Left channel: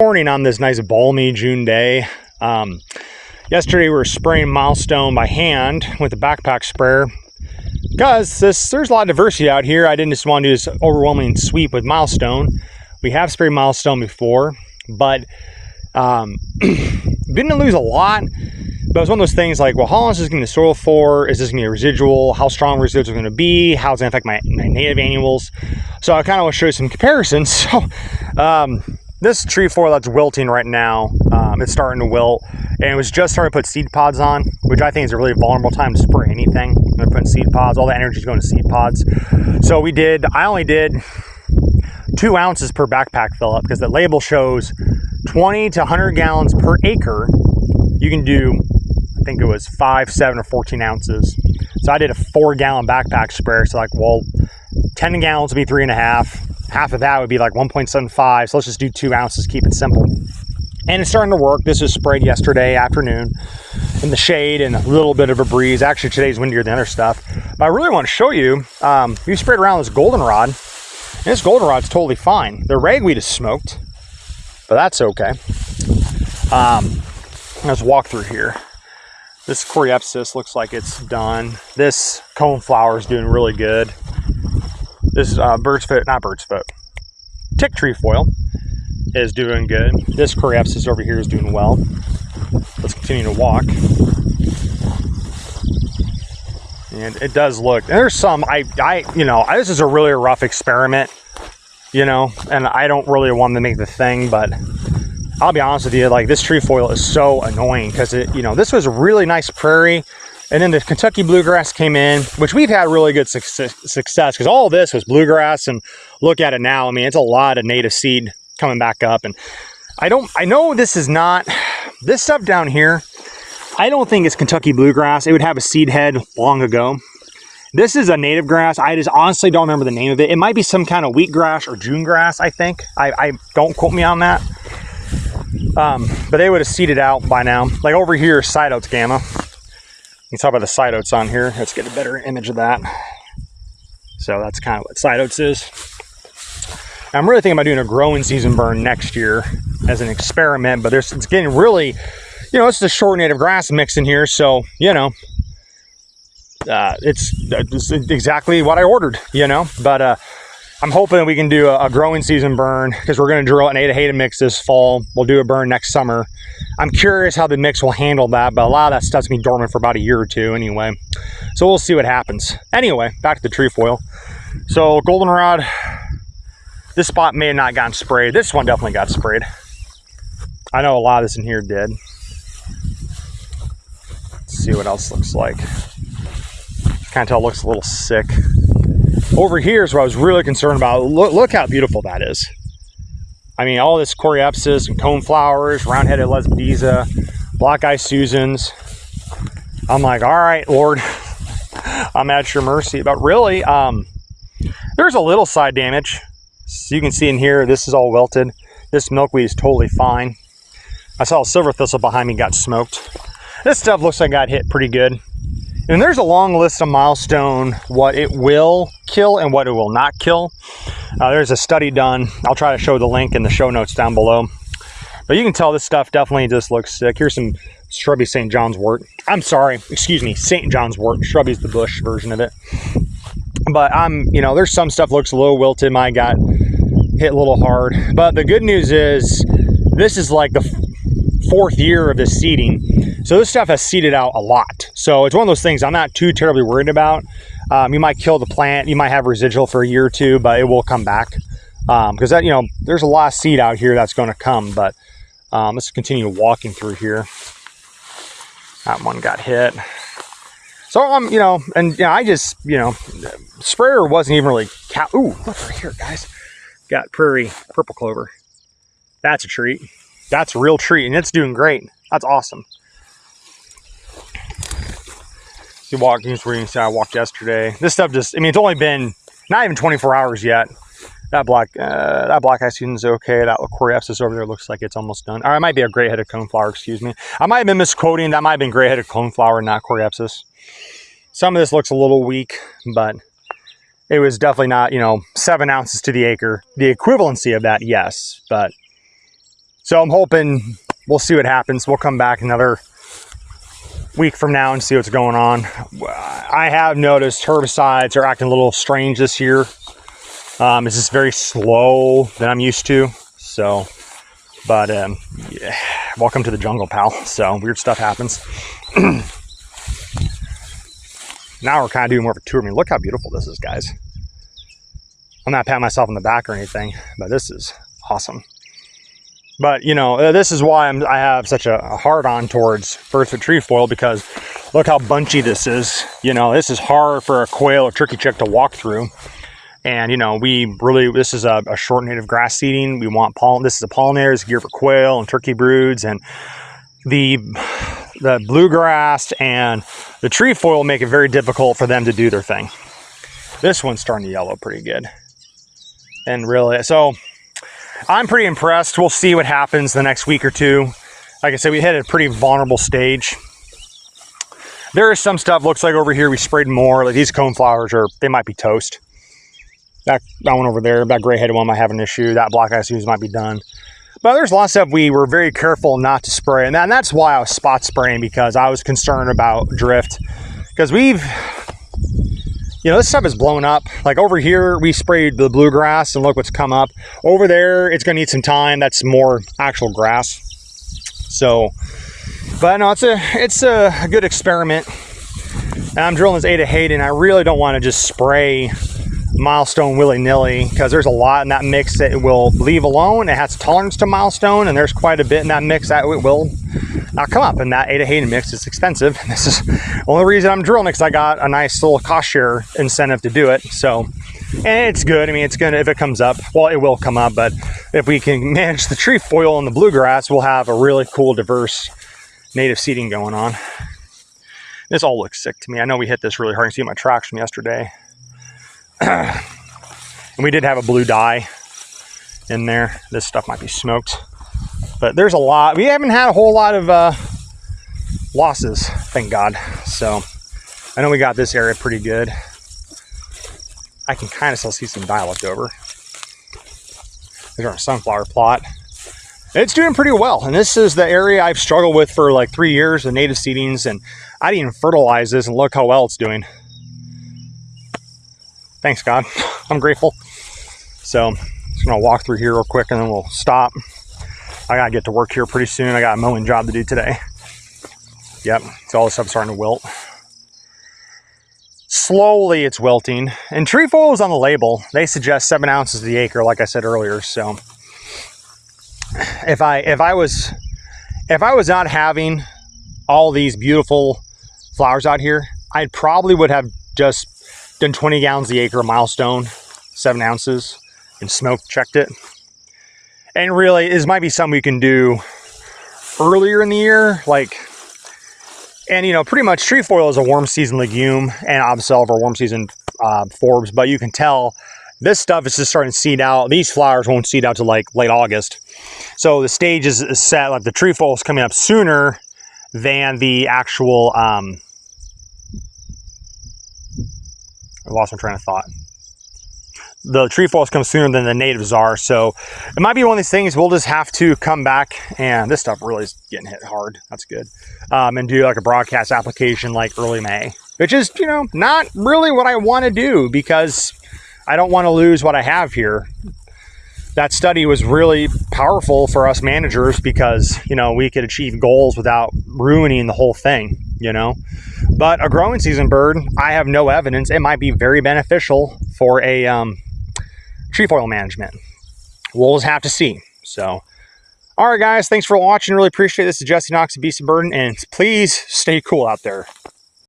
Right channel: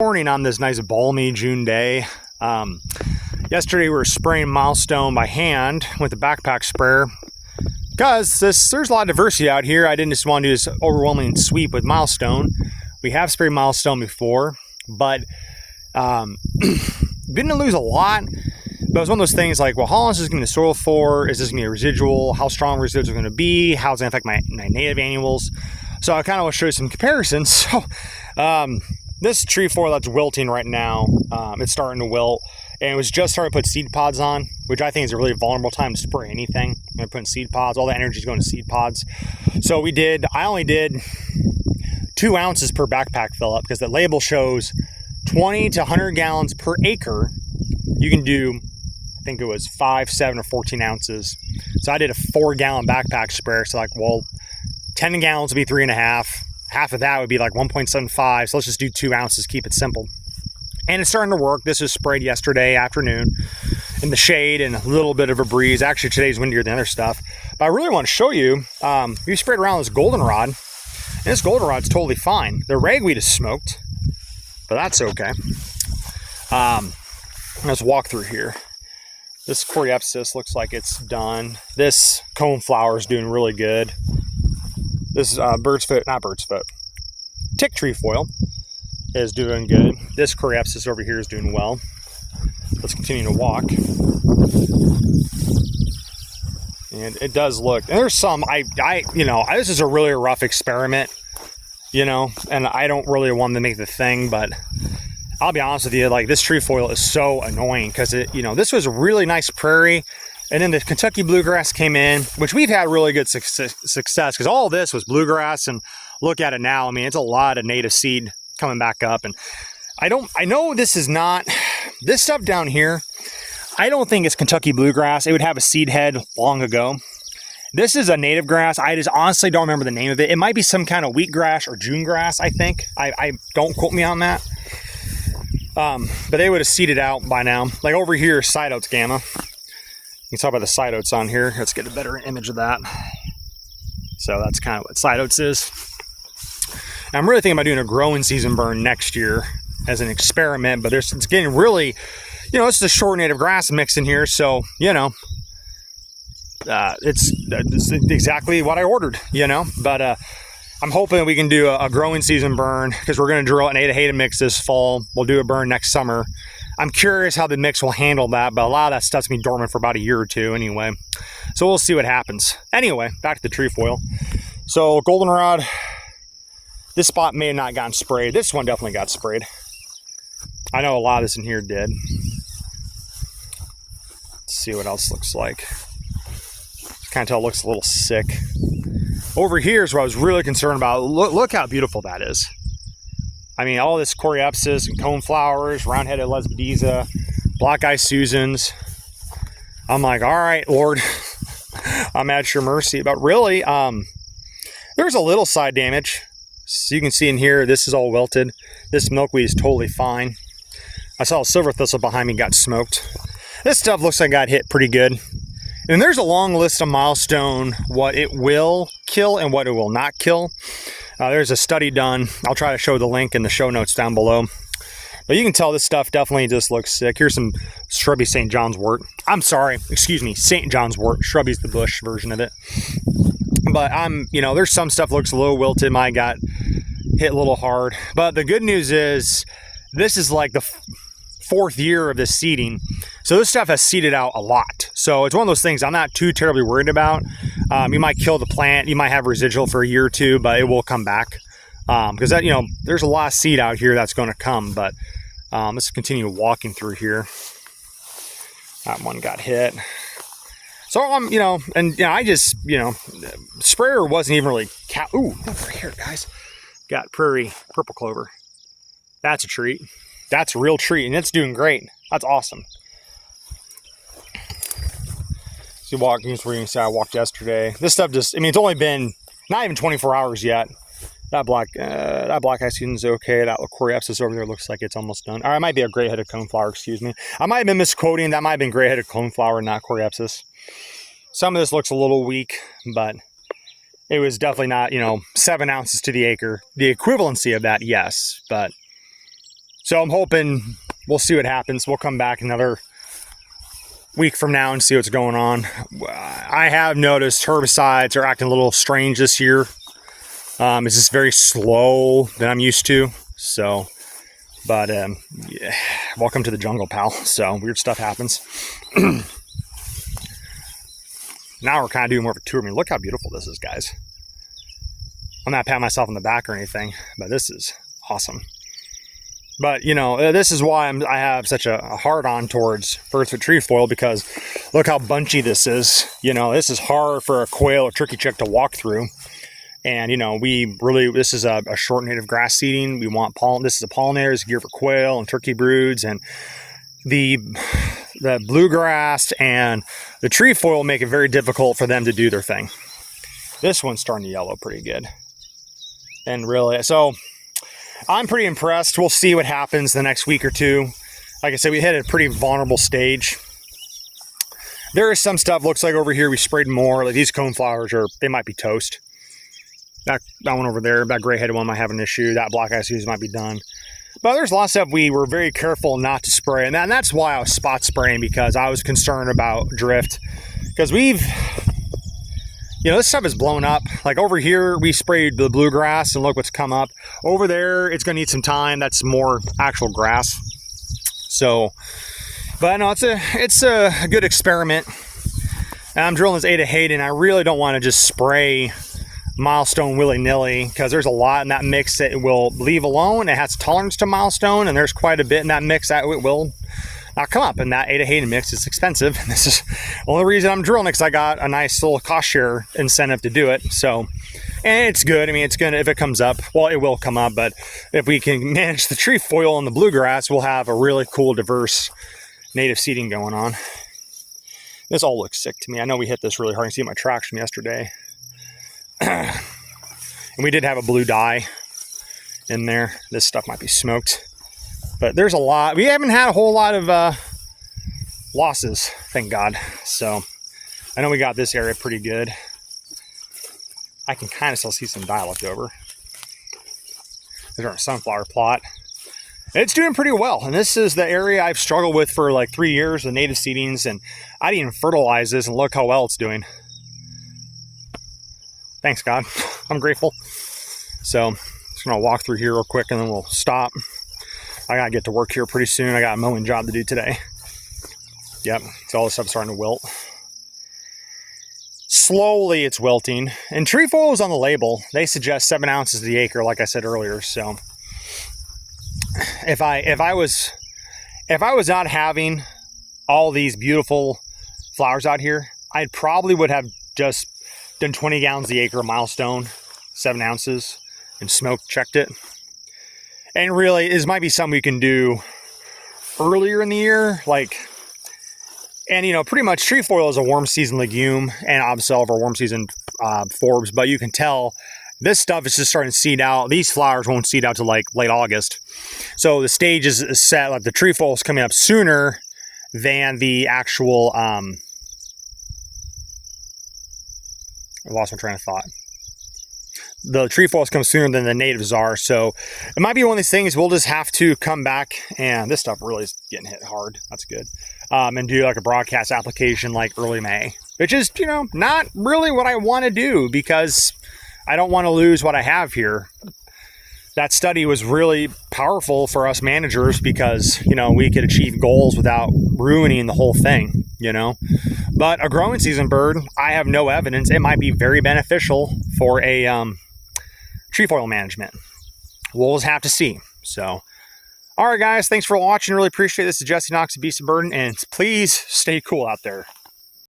Morning on this nice balmy June day. Yesterday we were spraying Milestone by hand with a backpack sprayer because there's a lot of diversity out here. I didn't just want to do this overwhelming sweep with Milestone. We have sprayed Milestone before, but didn't lose a lot. But it was one of those things like, well, how long is this going to soil for? Is this going to be a residual? How strong residuals are going to be? How's it going to affect my native annuals? So I kind of want to show you some comparisons. So this trefoil that's wilting right now, it's starting to wilt, and it was just starting to put seed pods on, which I think is a really vulnerable time to spray anything. They're putting seed pods, all the energy is going to seed pods. So I only did 2 ounces per backpack fill up because the label shows 20 to 100 gallons per acre. You can do, I think it was 5, 7, or 14 ounces. So I did a 4-gallon backpack sprayer. So like, well, 10 gallons would be 3.5. Half of that would be like 1.75. So let's just do 2 ounces, keep it simple. And it's starting to work. This was sprayed yesterday afternoon in the shade and a little bit of a breeze. Actually, today's windier than other stuff. But I really want to show you, we sprayed around this goldenrod, and this goldenrod's totally fine. The ragweed is smoked, but that's okay. Let's walk through here. This coreopsis looks like it's done. This coneflower is doing really good. This Birdsfoot tick trefoil is doing good. This coreopsis over here is doing well. Let's continue to walk. And it does look, there's some, this is a really rough experiment, and I don't really want to make the thing, but I'll be honest with you, like, this trefoil is so annoying because this was a really nice prairie. And then the Kentucky bluegrass came in, which we've had really good success because all this was bluegrass, and look at it now. I mean, it's a lot of native seed coming back up. And I know this is not, this stuff down here, I don't think it's Kentucky bluegrass. It would have a seed head long ago. This is a native grass. I just honestly don't remember the name of it. It might be some kind of wheatgrass or June grass, I think. I don't quote me on that. But they would have seeded out by now. Like over here, side oats gamma. You can talk about the side oats on here. Let's get a better image of that. So that's kind of what side oats is. I'm really thinking about doing a growing season burn next year as an experiment, but it's getting really, it's the short native grass mix in here. So, it's exactly what I ordered, but, I'm hoping that we can do a growing season burn because we're going to drill an Ada mix this fall. We'll do a burn next summer. I'm curious how the mix will handle that, but a lot of that stuff's been dormant for about a year or two anyway. So we'll see what happens. Anyway, back to the trefoil. So goldenrod, this spot may have not gotten sprayed. This one definitely got sprayed. I know a lot of this in here did. Let's see what else looks like. Kind of tell it looks a little sick. Over here is what I was really concerned about. Look how beautiful that is. I mean, all this coreopsis and coneflowers, round-headed lesbieza, black-eye Susans. I'm like, all right, Lord, I'm at your mercy. But really, there's a little side damage. So you can see in here, this is all wilted. This milkweed is totally fine. I saw a silver thistle behind me got smoked. This stuff looks like it got hit pretty good. And there's a long list of Milestone, what it will kill and what it will not kill. There's a study done. I'll try to show the link in the show notes down below. But you can tell this stuff definitely just looks sick. Here's some shrubby St. John's wort. I'm sorry, excuse me, St. John's wort. Shrubby's the bush version of it. But there's some stuff looks a little wilted. Mine got hit a little hard. But the good news is this is like the 4th year of this seeding. So this stuff has seeded out a lot. So it's one of those things I'm not too terribly worried about. You might kill the plant. You might have residual for a year or two, but it will come back. Because there's a lot of seed out here that's going to come. But let's continue walking through here. That one got hit. So I just, sprayer wasn't even really ooh, look right here, guys. Got prairie purple clover. That's a treat. That's a real treat, and it's doing great. That's awesome. So you walk, here's where you can see I walked yesterday. This stuff just, it's only been not even 24 hours yet. That black-eye Susan's okay. That coreopsis over there looks like it's almost done. Or it might be a gray-headed coneflower, excuse me. I might have been misquoting. That might have been gray-headed coneflower, not coreopsis. Some of this looks a little weak, but it was definitely not, 7 ounces to the acre. The equivalency of that, yes, but So I'm hoping we'll see what happens. We'll come back another week from now and see what's going on. I have noticed herbicides are acting a little strange this year. It's just very slow than I'm used to. So, but yeah. Welcome to the jungle, pal. So weird stuff happens. Now we're kind of doing more of a tour. I mean, look how beautiful this is, guys. I'm not patting myself on the back or anything, but this is awesome. But, you know, this is why I have such a hard-on towards Birdsfoot Trefoil, because look how bunchy this is. You know, this is hard for a quail or turkey chick to walk through. And, you know, this is a short native grass seeding. We want pollen. This is a pollinator. It's geared for quail and turkey broods. And the bluegrass and the trefoil make it very difficult for them to do their thing. This one's starting to yellow pretty good. And really, so I'm pretty impressed. We'll see what happens the next week or two. Like I said, we hit a pretty vulnerable stage. There is some stuff, looks like over here we sprayed more. Like these coneflowers they might be toast. That one over there, that gray-headed one might have an issue. That black eye Suze might be done. But there's a lot of stuff we were very careful not to spray. And that's why I was spot spraying, because I was concerned about drift. Because you know, this stuff is blown up. Like over here, we sprayed the bluegrass and look what's come up. Over there, it's gonna need some time. That's more actual grass. So, but no, it's a good experiment. And I'm drilling this 8 of hate, and I really don't want to just spray Milestone willy-nilly, because there's a lot in that mix that it will leave alone. It has tolerance to Milestone, and there's quite a bit in that mix that it will not come up. And that 8 of hate mix is expensive. And this is the only reason I'm drilling it, because I got a nice little cost share incentive to do it. So, and it's good. I mean, it's good if it comes up. Well, it will come up, but if we can manage the trefoil and the bluegrass, we'll have a really cool, diverse native seeding going on. This all looks sick to me. I know we hit this really hard. You can see my tracks from yesterday. And we did have a blue dye in there. This stuff might be smoked, but there's a lot. We haven't had a whole lot of losses, thank God. So I know we got this area pretty good. I can kind of still see some dye left over. There's our sunflower plot. It's doing pretty well. And this is the area I've struggled with for like 3 years, the native seedings, and I didn't even fertilize this, and look how well it's doing. Thanks, God. I'm grateful. So I'm just gonna walk through here real quick and then we'll stop. I gotta get to work here pretty soon. I got a mowing job to do today. Yep, so all this stuff's starting to wilt. Slowly it's wilting. And trefoil is on the label. They suggest 7 ounces to the acre, like I said earlier. So if I was not having all these beautiful flowers out here, I probably would have just done 20 gallons the acre of Milestone, 7 ounces, and smoke checked it. And really, this might be something we can do earlier in the year, and you know, pretty much trefoil is a warm season legume, and obselve are warm season forbs, but you can tell this stuff is just starting to seed out. These flowers won't seed out till like late August. So the stage is set, like the trefoil is coming up sooner than the actual, I lost my train of thought. The trefoils come sooner than the natives are, so it might be one of these things we'll just have to come back, and this stuff really is getting hit hard. That's good. And do like a broadcast application like early May, which is, you know, not really what I want to do, because I don't want to lose what I have here. That study was really powerful for us managers, because, you know, we could achieve goals without ruining the whole thing, you know. But a growing season bird, I have no evidence. It might be very beneficial for a trefoil management. We'll just have to see. So, all right, guys, thanks for watching. Really appreciate this. This is Jesse Knox of Beast of Burden, and please stay cool out there.